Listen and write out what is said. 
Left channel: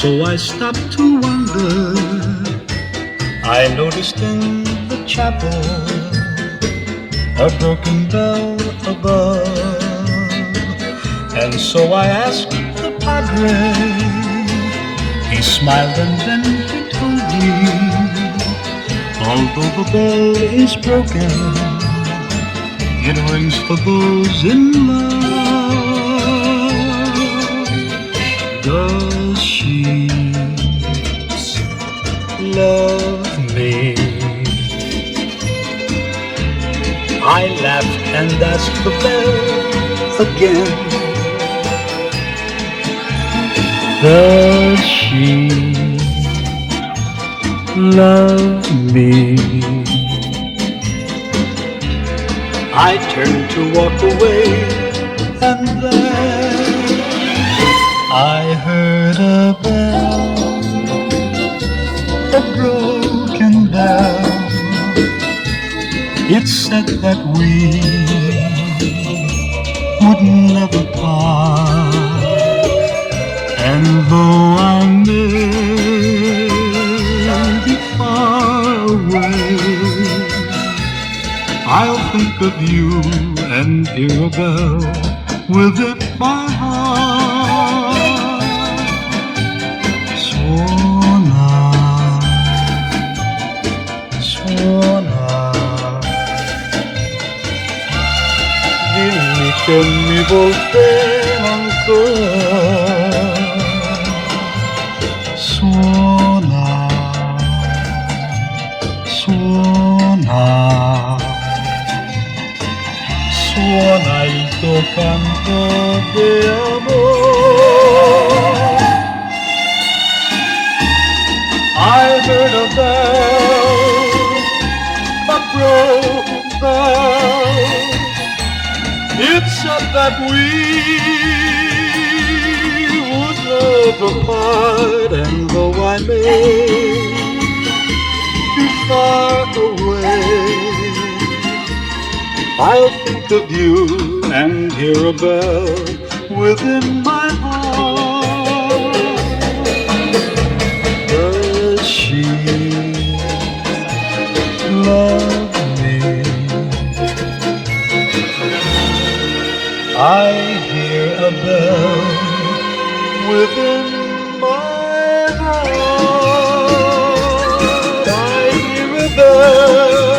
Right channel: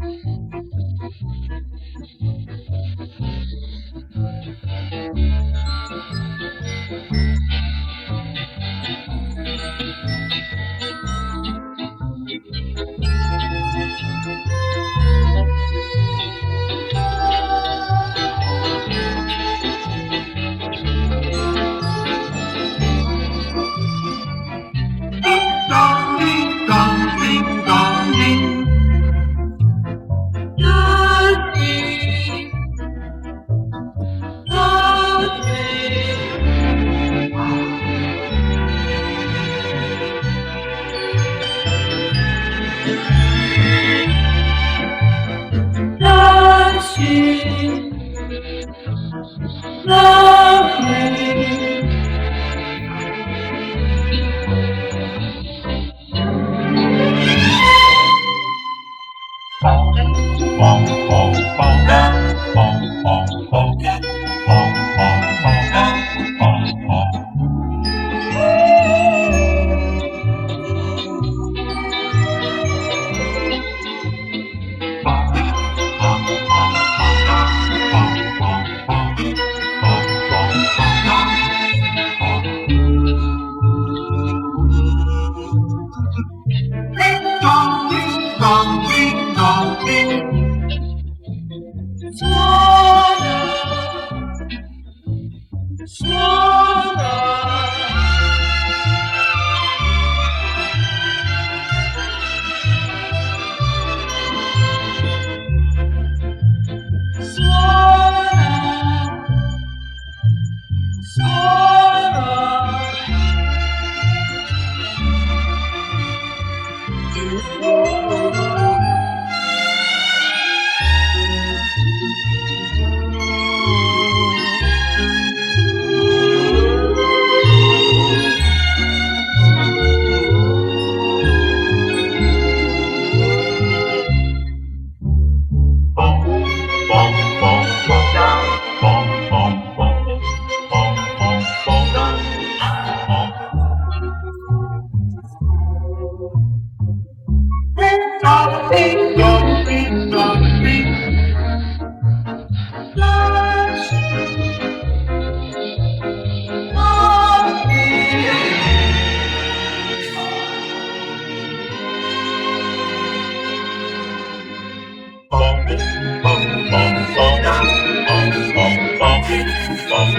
So I stopped to wonder. I noticed in the chapel a broken bell above, and so I asked the padre. He smiled and then he told me, although the bell is broken, it rings for those in love. Does she love me? I laughed and asked the bell again. Does she love me? I turned to walk away, and then I heard a bell, a broken bell. It said that we would never part, and though I may be far away, I'll think of you and hear a bell within my heart. Suona, dimmi che mi volterò ancora. Suona, suona il tuo canto di amore. I heard a bell, a broken bell. It said that we would never part, and though I may be far away, I'll think of you and hear a bell within my heart. Does she love me? I hear a bell within my heart. I hear a bell.